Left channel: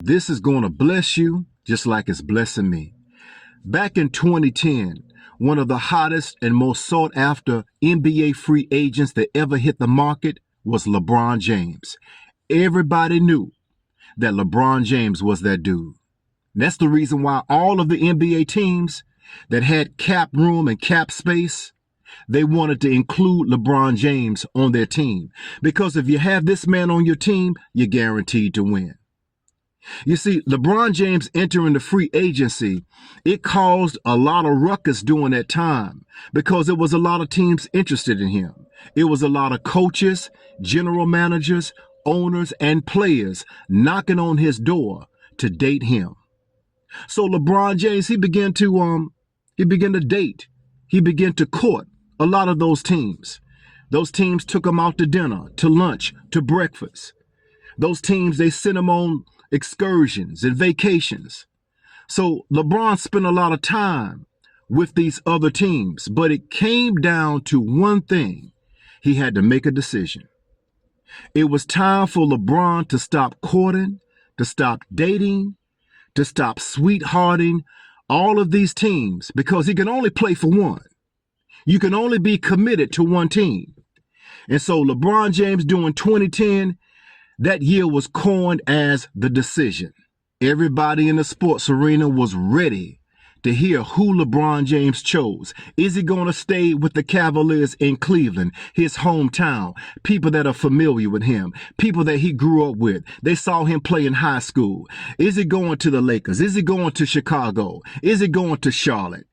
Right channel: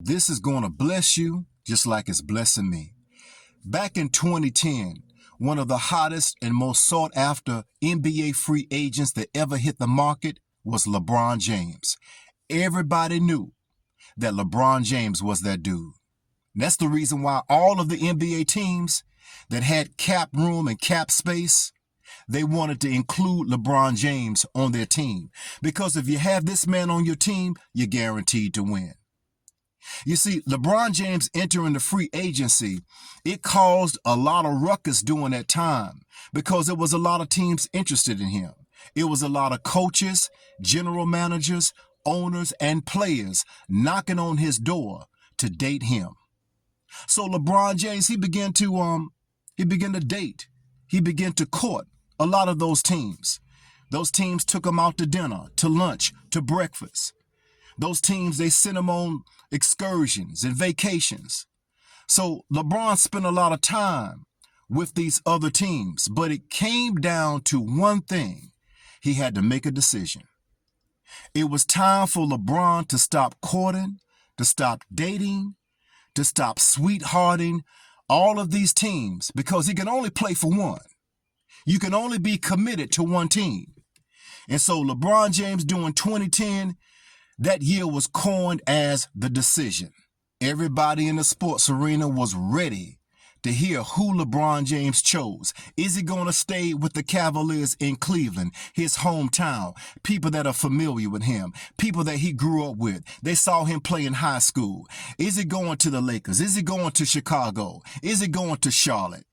This is going to bless you just like it's blessing me. Back in 2010, one of the hottest and most sought after NBA free agents that ever hit the market was LeBron James. Everybody knew that LeBron James was that dude. And that's the reason why all of the NBA teams that had cap room and cap space, they wanted to include LeBron James on their team. Because if you have this man on your team, you're guaranteed to win. You see, LeBron James entering the free agency, it caused a lot of ruckus during that time because there was a lot of teams interested in him. It was a lot of coaches, general managers, owners, and players knocking on his door to date him. So LeBron James, he began to date. He began to court a lot of those teams. Those teams took him out to dinner, to lunch, to breakfast. Those teams, they sent him on excursions and vacations. So LeBron spent a lot of time with these other teams, but it came down to one thing. He had to make a decision. It was time for LeBron to stop courting, to stop dating, to stop sweethearting all of these teams because he can only play for one. You can only be committed to one team. And so LeBron James during 2010, that year was coined as the decision. Everybody in the sports arena was ready to hear who LeBron James chose. Is he going to stay with the Cavaliers in Cleveland, his hometown, people that are familiar with him, people that he grew up with? They saw him play in high school. Is he going to the Lakers? Is he going to Chicago? Is he going to Charlotte?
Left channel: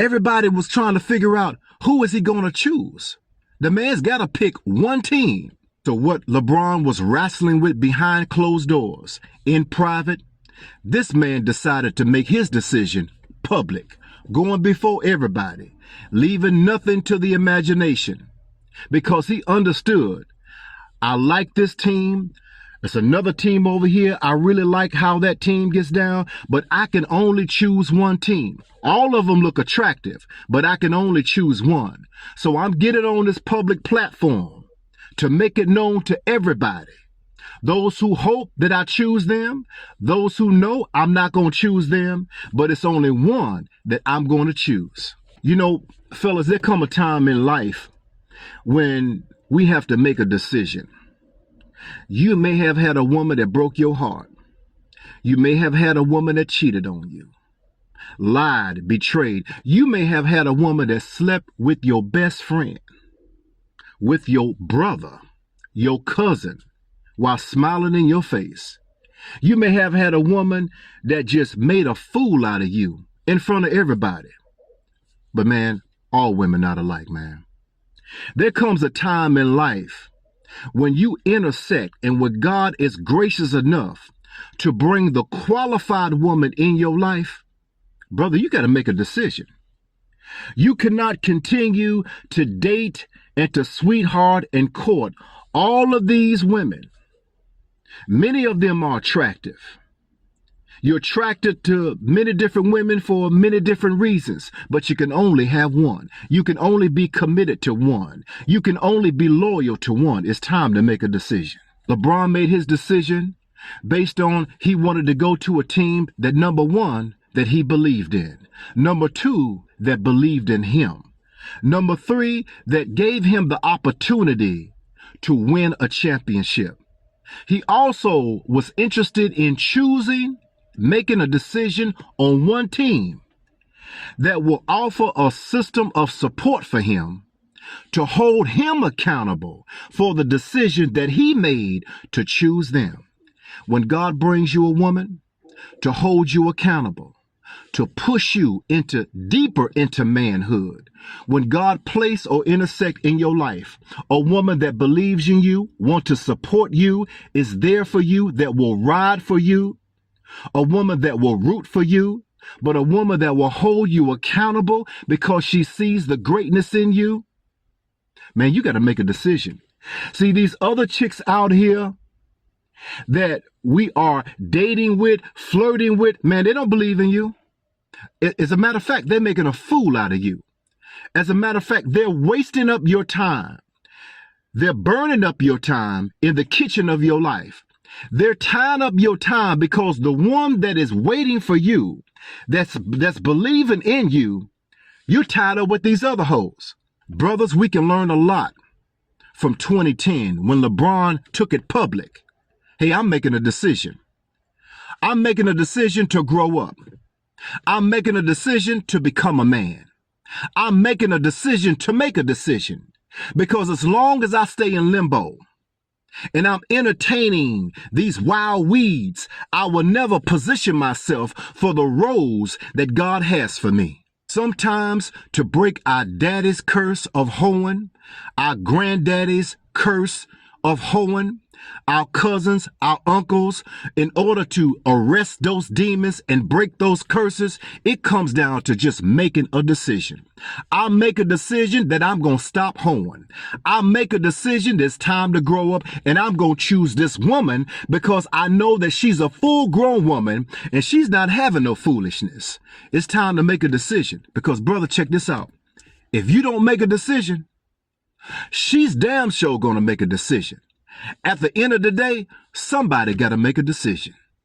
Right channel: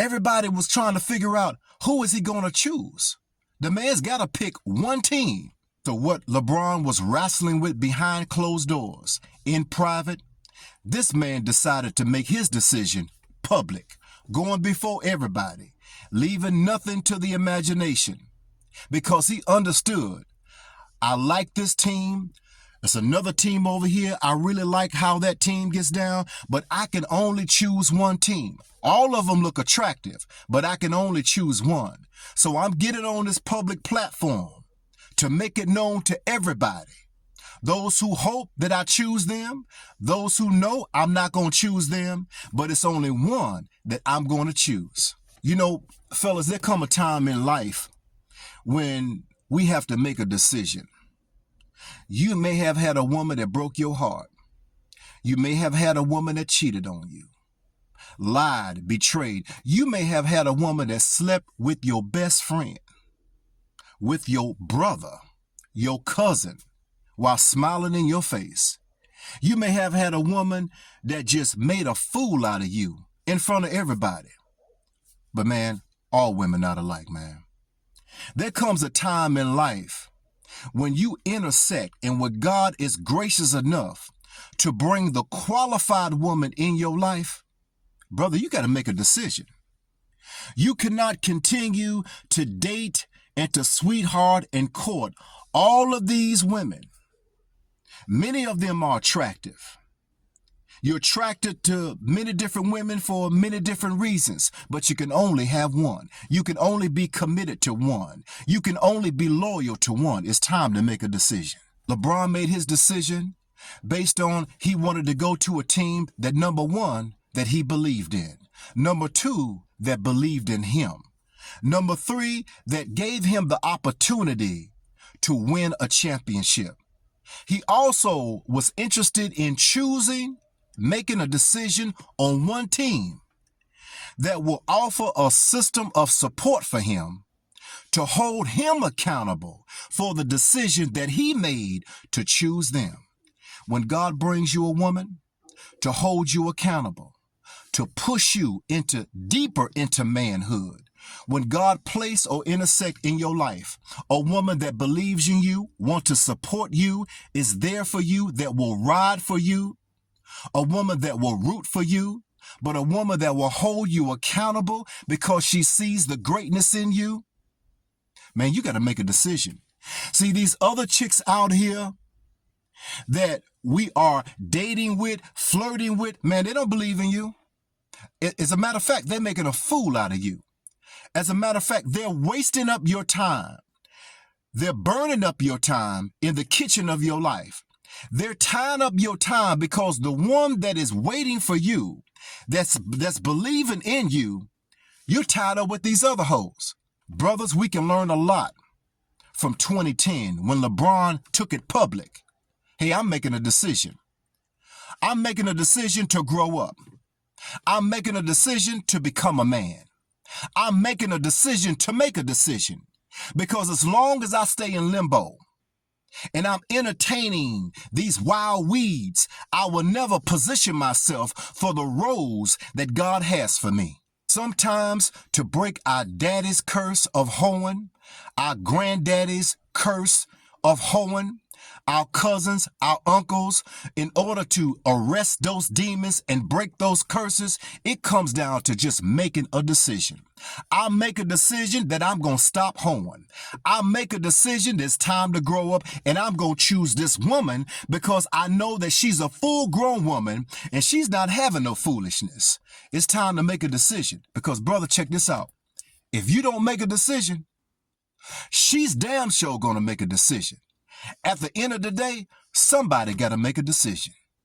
Everybody was trying to figure out who is he going to choose. The man's got to pick one team. So what LeBron was wrestling with behind closed doors, in private, this man decided to make his decision public, going before everybody, leaving nothing to the imagination, because he understood, I like this team. There's another team over here. I really like how that team gets down, but I can only choose one team. All of them look attractive, but I can only choose one. So I'm getting on this public platform to make it known to everybody. Those who hope that I choose them, those who know I'm not going to choose them, but it's only one that I'm going to choose. You know, fellas, there come a time in life when we have to make a decision. You may have had a woman that broke your heart. You may have had a woman that cheated on you, lied, betrayed. You may have had a woman that slept with your best friend, with your brother, your cousin, while smiling in your face. You may have had a woman that just made a fool out of you in front of everybody. But man, all women not alike, man. There comes a time in life when you intersect and when God is gracious enough to bring the qualified woman in your life, brother, you got to make a decision. You cannot continue to date and to sweetheart and court all of these women. Many of them are attractive. You're attracted to many different women for many different reasons, but you can only have one. You can only be committed to one. You can only be loyal to one. It's time to make a decision. LeBron made his decision based on he wanted to go to a team that, number one, that he believed in. Number two, that believed in him. Number three, that gave him the opportunity to win a championship. He also was interested in making a decision on one team that will offer a system of support for him to hold him accountable for the decision that he made to choose them. When God brings you a woman to hold you accountable, to push you deeper into manhood, when God place or intersect in your life a woman that believes in you, want to support you, is there for you, that will ride for you, a woman that will root for you, but a woman that will hold you accountable because she sees the greatness in you, man, you got to make a decision. See, these other chicks out here that we are dating with, flirting with, man, they don't believe in you. As a matter of fact, they're making a fool out of you. As a matter of fact, they're wasting up your time. They're burning up your time in the kitchen of your life. They're tying up your time because the one that is waiting for you, that's believing in you, you're tied up with these other hoes. Brothers, we can learn a lot from 2010 when LeBron took it public. Hey, I'm making a decision. I'm making a decision to grow up. I'm making a decision to become a man. I'm making a decision to make a decision. Because as long as I stay in limbo and I'm entertaining these wild weeds, I will never position myself for the roles that God has for me. Sometimes to break our daddy's curse of hoeing, our granddaddy's curse of hoeing, our cousins, our uncles, in order to arrest those demons and break those curses, it comes down to just making a decision. I make a decision that I'm going to stop hoeing. I make a decision that it's time to grow up, and I'm going to choose this woman because I know that she's a full-grown woman and she's not having no foolishness. It's time to make a decision because, brother, check this out. If you don't make a decision, she's damn sure going to make a decision. At the end of the day, somebody got to make a decision.